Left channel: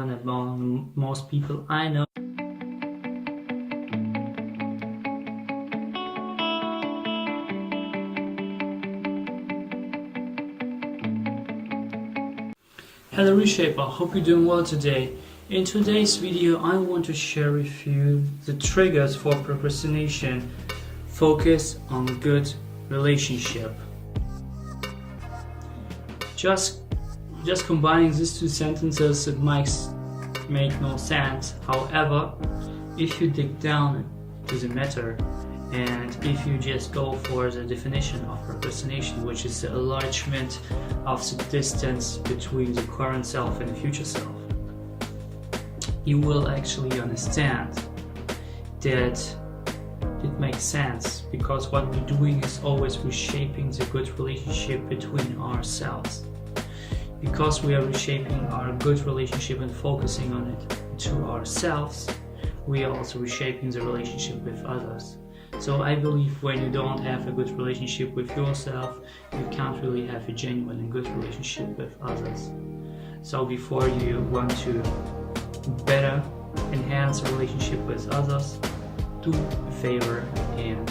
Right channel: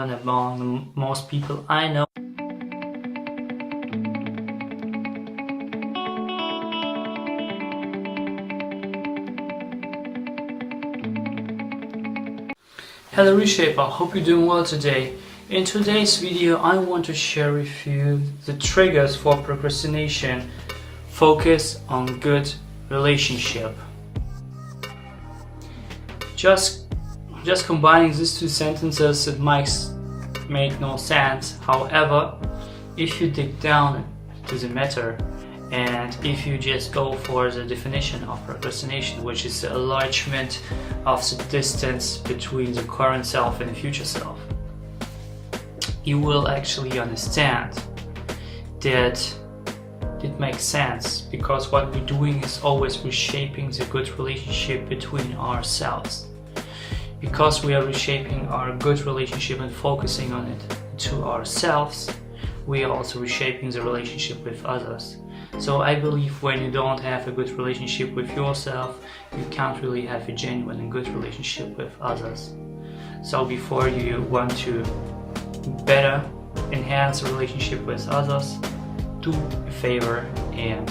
among most people I know. Hello Reshaper, hope you're doing well today. In today's video I want to share with you the triggers for procrastination. Focus on good relationship. Just combining these two sentences, it might make no sense. However, if you dig down to the matter and if you just go for the definition of procrastination, which is the enlargement of the distance between the current self and the future self, you will actually understand that it makes sense, because what we're doing is always reshaping the good relationship between ourselves. Because we are reshaping our good relationship and focusing on it to ourselves, we are also reshaping the relationship with others. So I believe when you don't have a good relationship with yourself, you can't really have a genuine and good relationship with others. So before you want to better enhance the relationship with others, do a favor and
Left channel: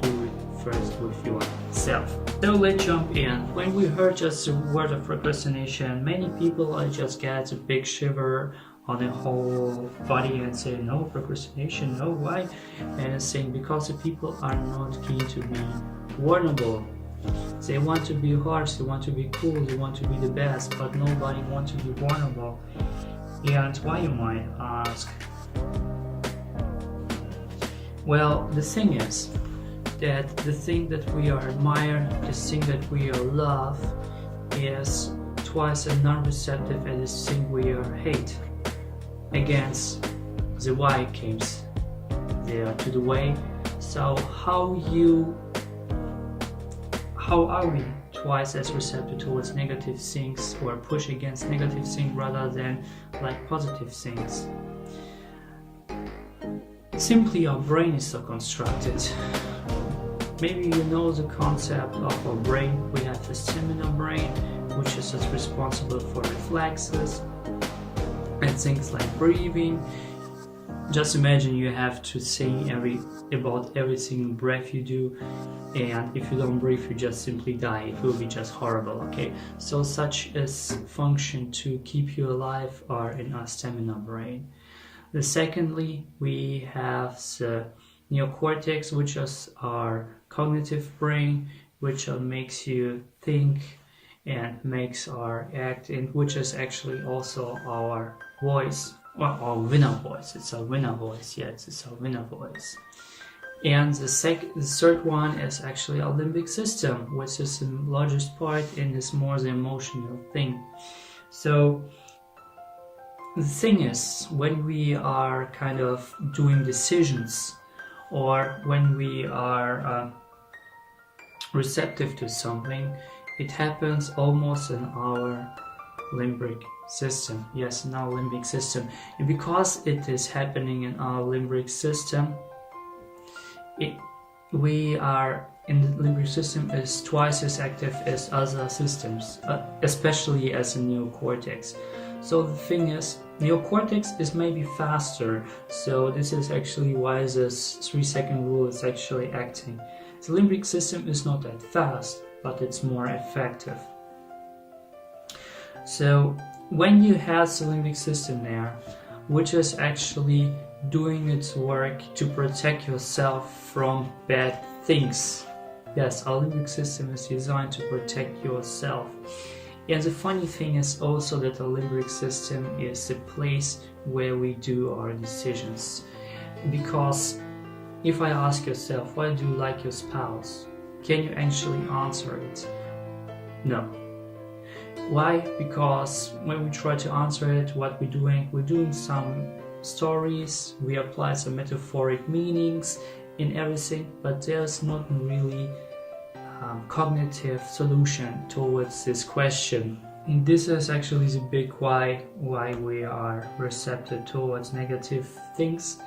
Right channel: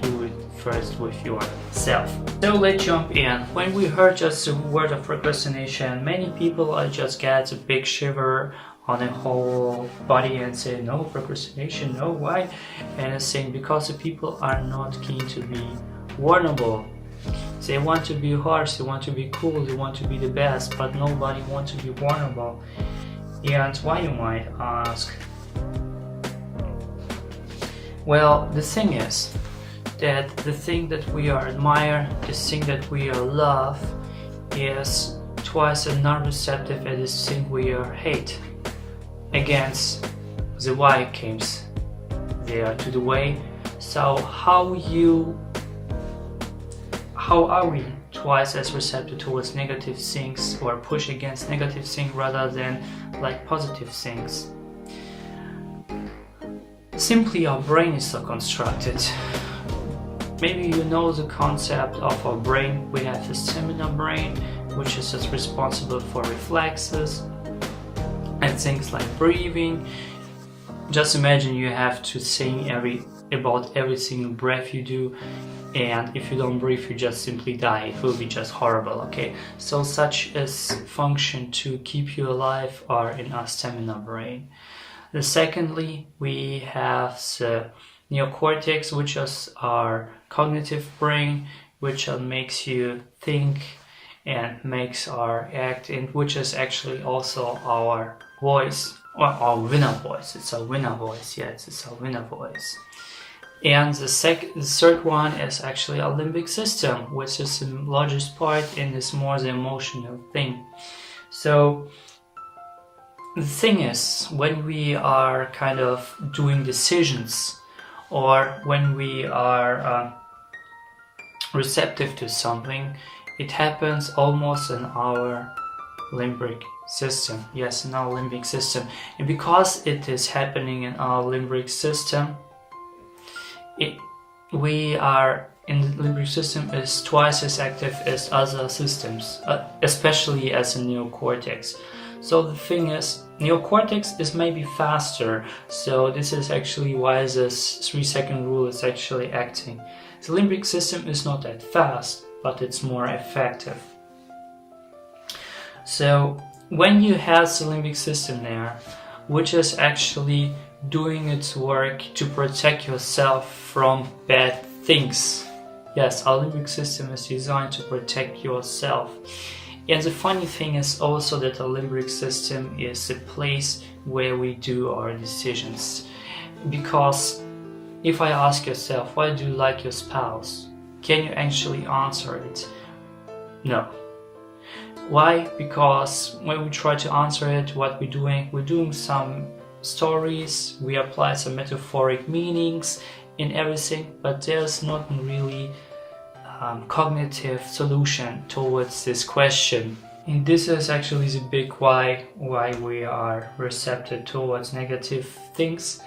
do it first with yourself. So let's jump in. When we heard just the word of procrastination, many people just get a big shiver on the whole body and say, no, procrastination, no, why? And it's saying because the people are not keen to be vulnerable. They want to be harsh, they want to be cool, they want to be the best, but nobody wants to be vulnerable. And why, you might ask? Well, the thing is that the thing that we are admire, the thing that we are love, is twice as non-receptive as the thing we are hate. Against the why comes there to the way. So how are we twice as receptive towards negative things, or push against negative things rather than like positive things? Simply our brain is so constructed. Maybe you know the concept of our brain. We have the seminar brain, which is just responsible for reflexes and things like breathing. Just imagine you have to think about every single breath you do, and if you don't breathe, you just simply die. It will be just horrible, okay? So such a function to keep you alive are in our seminar brain. Secondly, we have the neocortex, which is our cognitive brain, which makes you think and makes our act, and which is actually also our voice, or our winner voice. It's our winner voice, yes, it's our winner voice. And the third one is actually our limbic system, which is the largest part and is more the emotional thing. So the thing is, when we are kind of doing decisions, or when we are receptive to something, it happens almost in our limbic system. Yes, in our limbic system. And because it is happening in our limbic system, we are in the limbic system is twice as active as other systems, especially as a neocortex. So the thing is, neocortex is maybe faster, so this is actually why this 3-second rule is actually acting. The limbic system is not that fast, but it's more effective. So when you have the limbic system there, which is actually doing its work to protect yourself from bad things. Yes, our limbic system is designed to protect yourself. And the funny thing is also that the limbic system is the place where we do our decisions. Because if I ask yourself, why do you like your spouse? Can you actually answer it? No. Why? Because when we try to answer it, what we're doing some stories, we apply some metaphoric meanings in everything, but there's not really cognitive solution towards this question. And this is actually the big why we are receptive towards negative things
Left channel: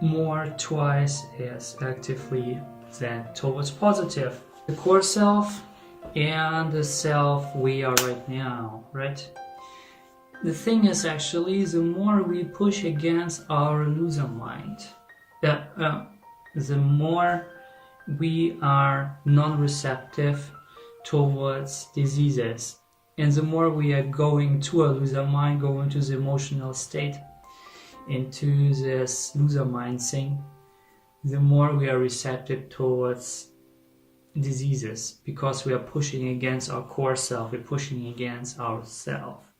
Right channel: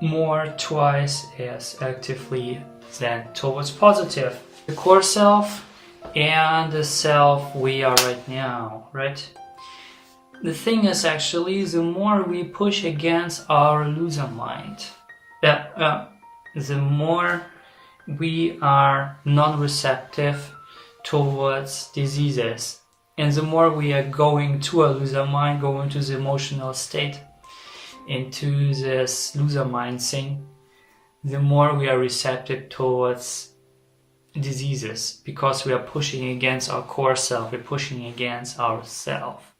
more twice as actively than towards positive. The core self and the self we are right now, right? the thing is actually, the more we push against our loser mind, the more we are non-receptive towards diseases, and the more we are going to a loser mind, going to the emotional state, into this loser mind thing, the more we are receptive towards diseases, because we are pushing against our core self, we're pushing against ourself.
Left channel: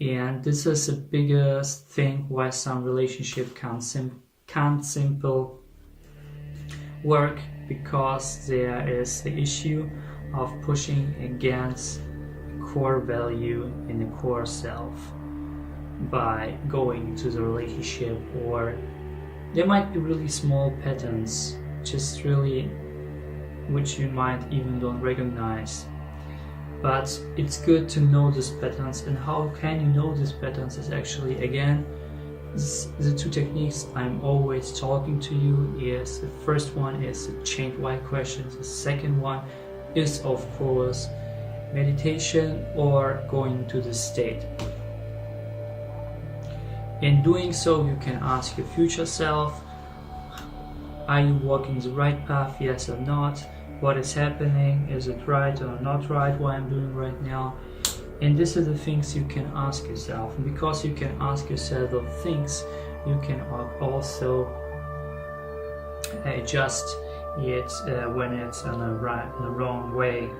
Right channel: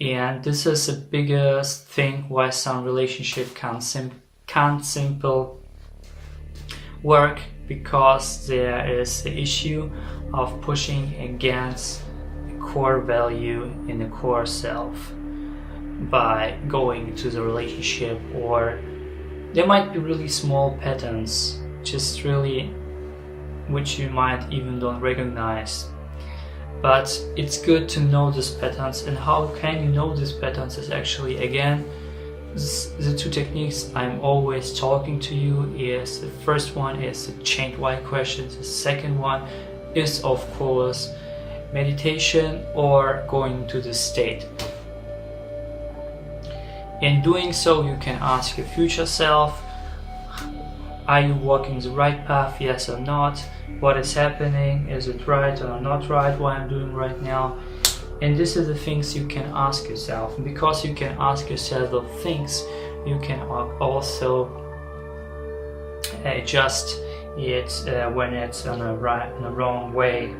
And this is the biggest thing why some relationship can't simple work, because there is the issue of pushing against the core value in the core self by going into the relationship. Or there might be really small patterns, just really which you might even don't recognize. But it's good to know these patterns. And how can you know these patterns is actually, again, the two techniques I'm always talking to you is, the first one is the chained why questions, the second one is of course meditation or going to the state. In doing so, you can ask your future self, are you walking the right path, yes or not? What is happening? Is it right or not right what I'm doing right now? And this is the things you can ask yourself. And because you can ask yourself those things, you can also adjust it when it's on the wrong way.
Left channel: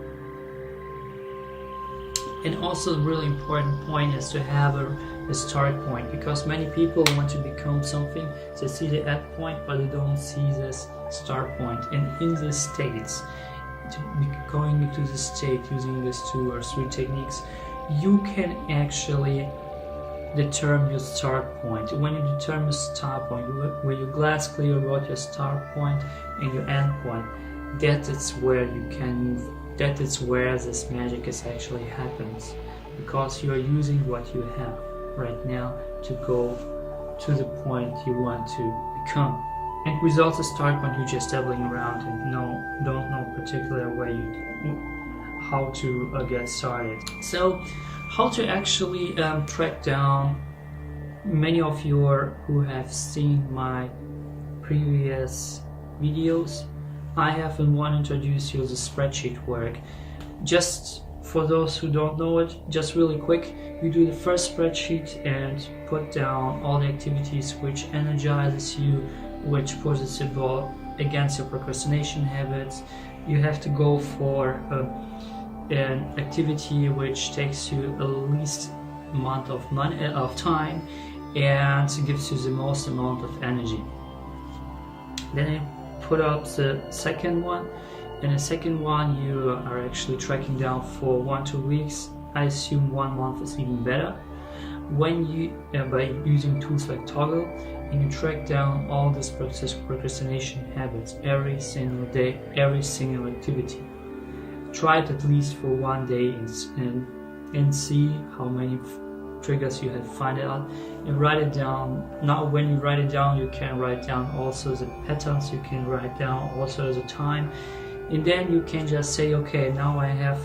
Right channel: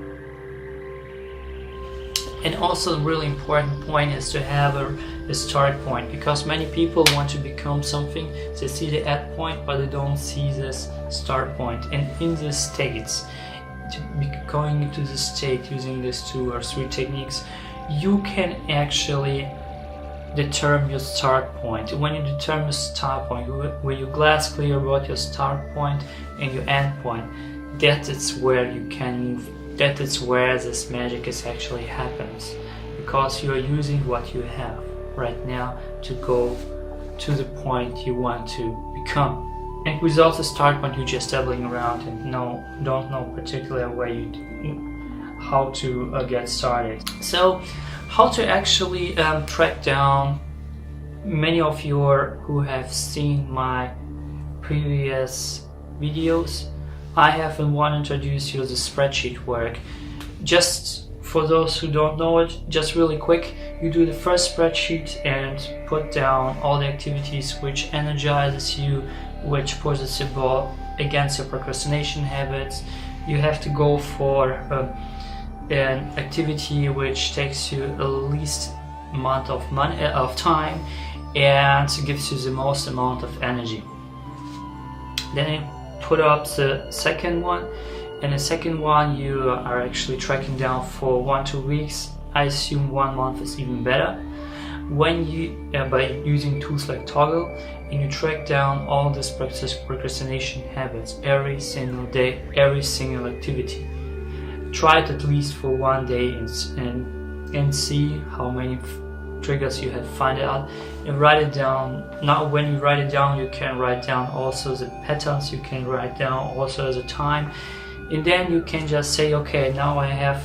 And also, the really important point is to have a start point, because many people want to become something. They see the end point, but they don't see this start point. And in the states, to be going into the state using these 2 or 3 techniques, you can actually determine your start point. When you determine your start point, when you glass clear about your start point and your end point, that is where you can move. That is where this magic is actually happens, because you are using what you have right now to go to the point you want to become. And without the start point, you're just dabbling around and don't know particularly how to get started. So, how to actually track down? Many of you who have seen my previous videos, I have in one introduced you the spreadsheet work. Just for those who don't know it, just really quick, you do the first spreadsheet and put down all the activities which energizes you, which pushes you against your procrastination habits. You have to go for an activity which takes you the least amount of time and gives you the most amount of energy. Then you put up the second one. In the second one, you are actually tracking down for 1-2 weeks. I assume 1 month is even better. When you by using tools like Toggle, and you track down all these procrastination habits every single day, every single activity. Try it at least for 1 day and see how many triggers you have find out, and write it down. Now when you write it down, you can write down also the patterns, you can write down also the time, and then you can just say, okay, now I have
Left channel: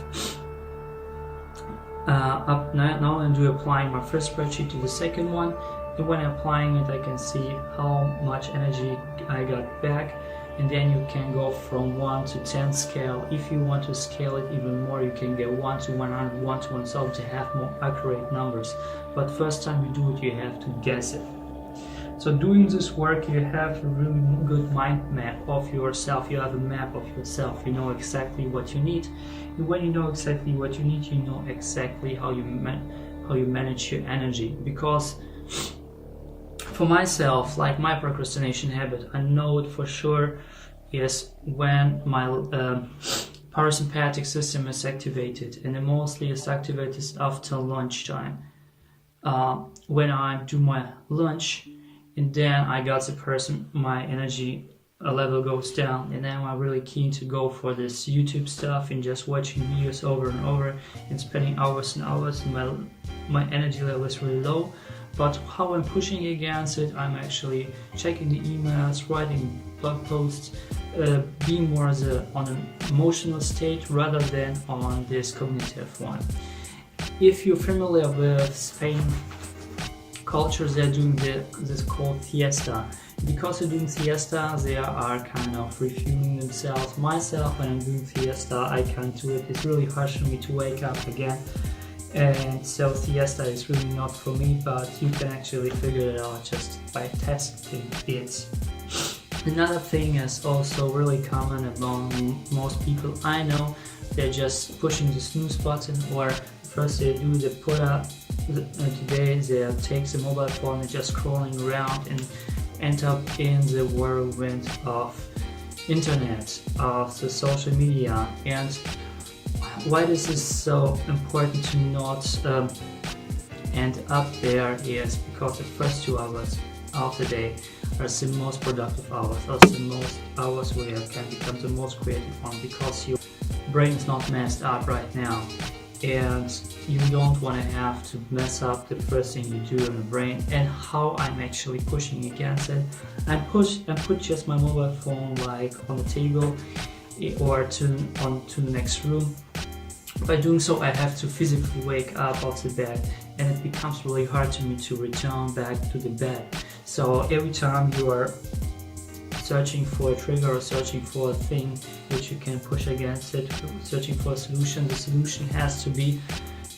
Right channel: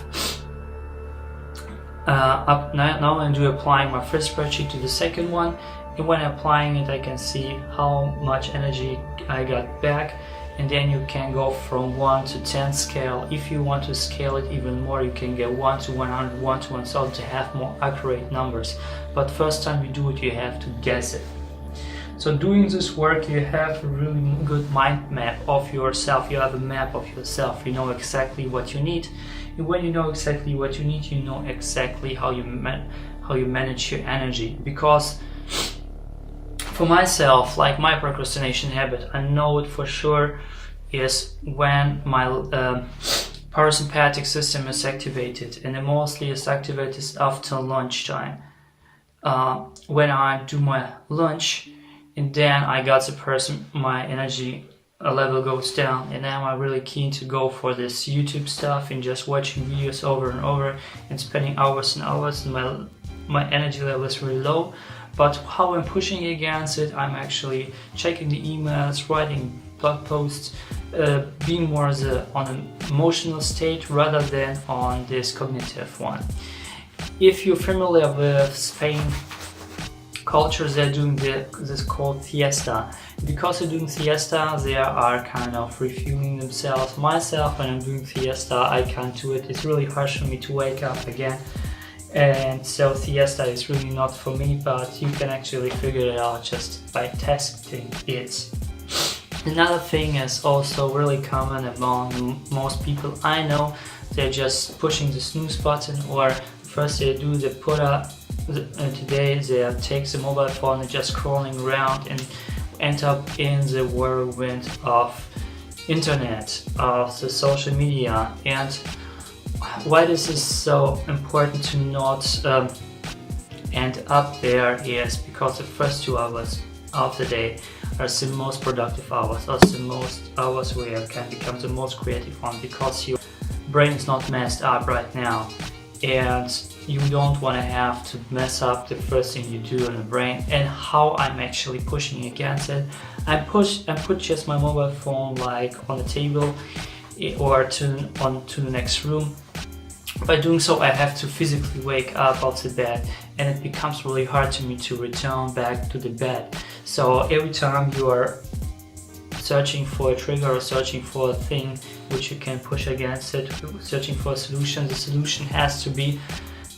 now I'm applying my first spreadsheet to the second one, and when applying it I can see how much energy I got back. And then you can go from 1 to 10 scale. If you want to scale it even more, you can get 1 to 100, 1 to 1000 to have more accurate numbers. But first time you do it, you have to guess it. So doing this work, you have a really good mind map of yourself. You have a map of yourself. You know exactly what you need. And when you know exactly what you need, you know exactly how you manage your energy. Because for myself, like my procrastination habit, I know it for sure is when my parasympathetic system is activated, and it mostly is activated after lunchtime. When I do my lunch, and then I got my energy level goes down, and now I'm really keen to go for this YouTube stuff and just watching videos over and over and spending hours and hours, and my energy level is really low. But how I'm pushing against it, I'm actually checking the emails, writing blog posts, being more on an emotional state rather than on this cognitive one. If you're familiar with Spain cultures, they're doing this called siesta. Because they're doing siesta, they are kind of refueling themselves. Myself, when I'm doing siesta, I can't do it. It's really harsh for me to wake up again. And so siesta is really not for me, but you can actually figure it out just by testing it. Another thing is also really common among most people I know. They're just pushing the snooze button, or first they do the put up. Today they take the mobile phone and just scrolling around and end up in the whirlwind of internet, of the social media. And why this is so important to not end up there is because the first 2 hours of the day are the most productive hours, are the most hours where you can become the most creative one, because your brain is not messed up right now, and you don't want to have to mess up the first thing you do in the brain. And how I'm actually pushing against it, I put just my mobile phone like on the table or to the next room. By doing so, I have to physically wake up off the bed, and it becomes really hard to me to return back to the bed. So every time you are searching for a trigger or searching for a thing which you can push against it, searching for a solution, the solution has to be,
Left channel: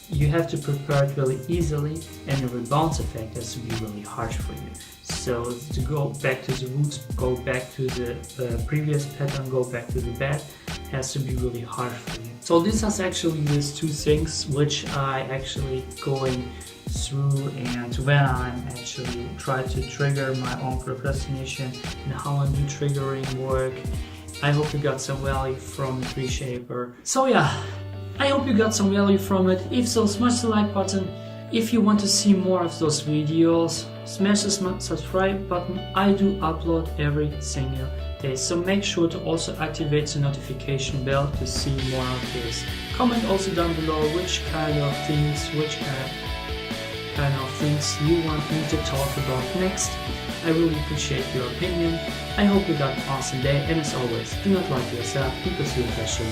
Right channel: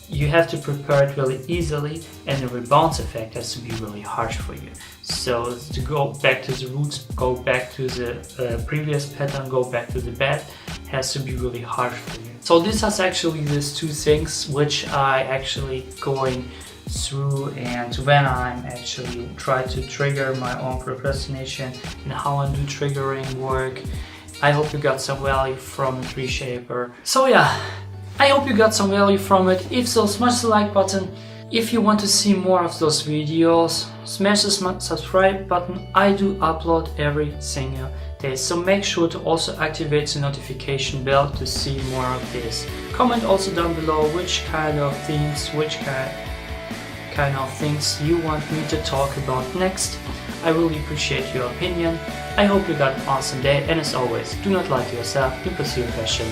you have to prepare it really easily, and the rebound effect has to be really harsh for you. So to go back to the roots, go back to the previous pattern, go back to the bed, has to be really harsh for you. So this is actually these 2 things which I actually going through, and when I'm actually try to trigger my own procrastination and how I do triggering work. I hope you got some value from it, Reshaper. So yeah, I hope you got some value from it. If so, smash the like button. If you want to see more of those videos, smash the subscribe button. I do upload every single day, so make sure to also activate the notification bell to see more of this. Comment also down below which kind of things you want me to talk about next. I really appreciate your opinion. I hope you got an awesome day, and as always, do not lie to yourself, be pursue your passion.